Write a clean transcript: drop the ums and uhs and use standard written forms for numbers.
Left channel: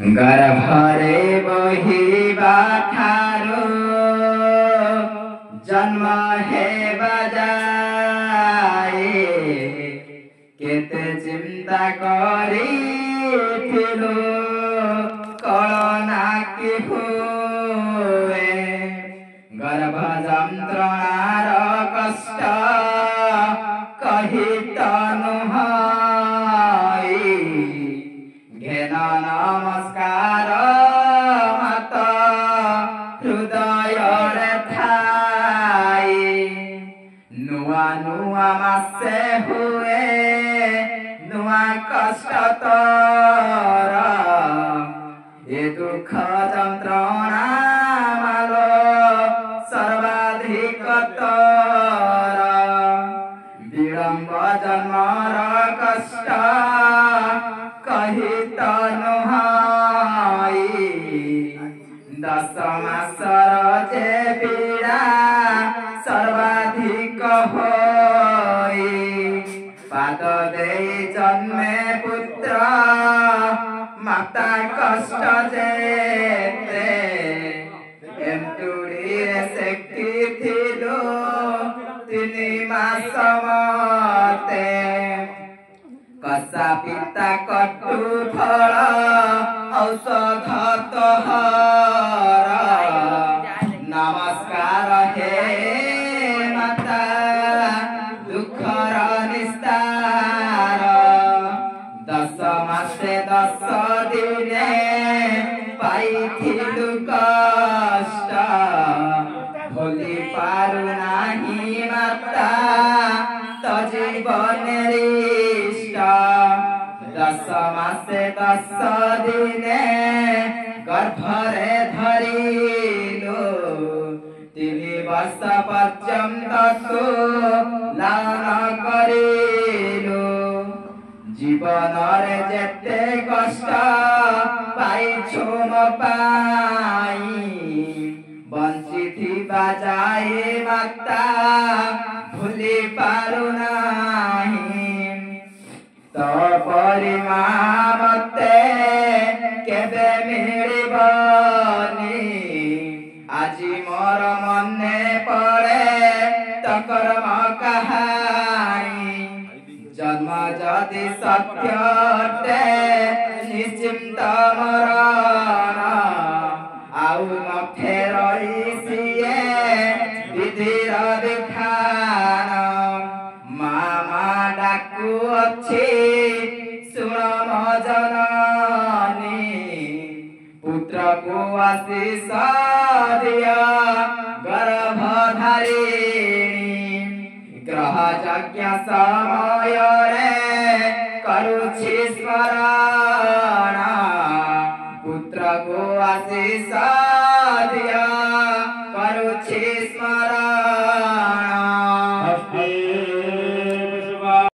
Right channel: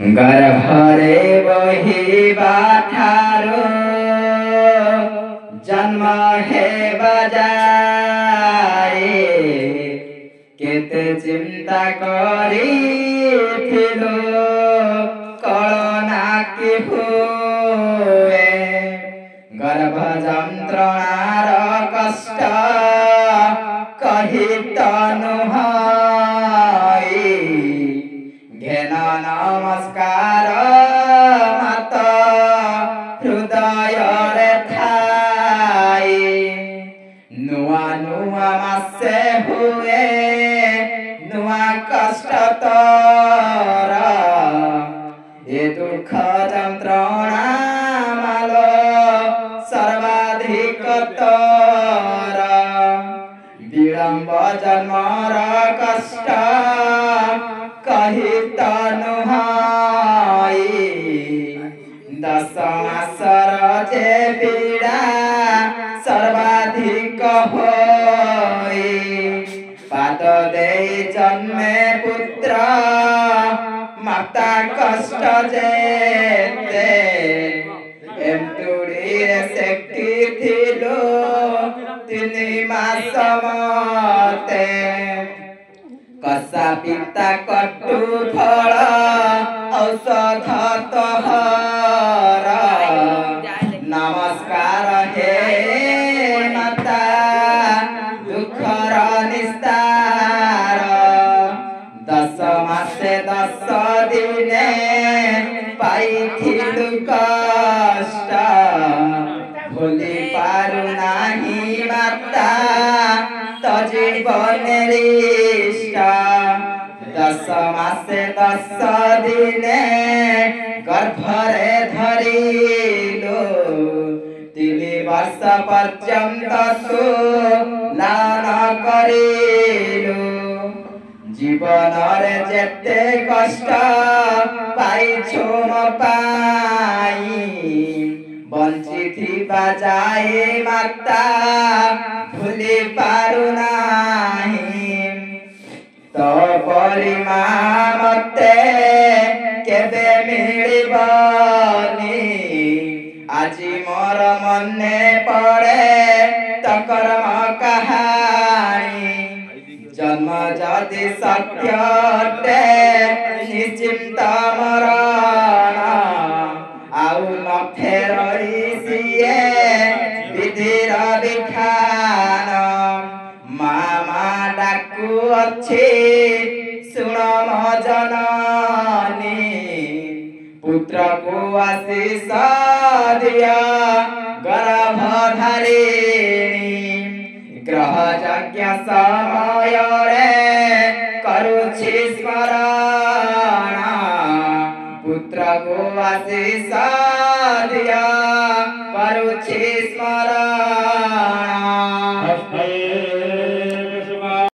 गर्भरे बोहिबा ठारो जन्म हेबा जाए केते चिंता करिथिलो कळना कि हुए गर्भ यंत्रणार कष्ट कहि तनुहाई घेन नमस्कार मत हृदय ठाई नुआ नुआ मासे हुए नुआ कष्ट तर ये दुख यंत्रणा माल सर्वाधिक तर विलंब जन्मर कष्ट कहि तनुहाई 10 मासर जे पीड़ा सर्वाधिक होई पाद दे जन्मे पुत्र माता कष्ट जेते एंटुड़ी शक्ति थिलो 3 मास मते कसा पिता कटु फल औषध तोहर नमस्कार हे माता दुखर निस्तार 10 मासे 10 दिने पाइथिलु कष्ट भूली पारु नाही माता तो जीवनेरी 10 मासे 10 दिने गर्भरे धरिलो 3 वर्ष पर्यंत तू लालन करिलो जीवन रे जेते कष्ट पाइछो मो पाई बंचिथिबा जाए माता भूली पारु नाही तो परिमा मते केबे मिलिबनी आजी मोर मने पड़े तो कर्म कहानी जन्म जदि सत्य अटे निश्चिंत मरण आउ न फेरई सिए विधिर विधान मामा डाकू अच्छी सुन म जननी पुत्र को आशीष दिया गर्भधारिणी ग्रह यज्ञ समय रे करुछि स्मरण पुत्र को आशीष दिया करुछि स्मरण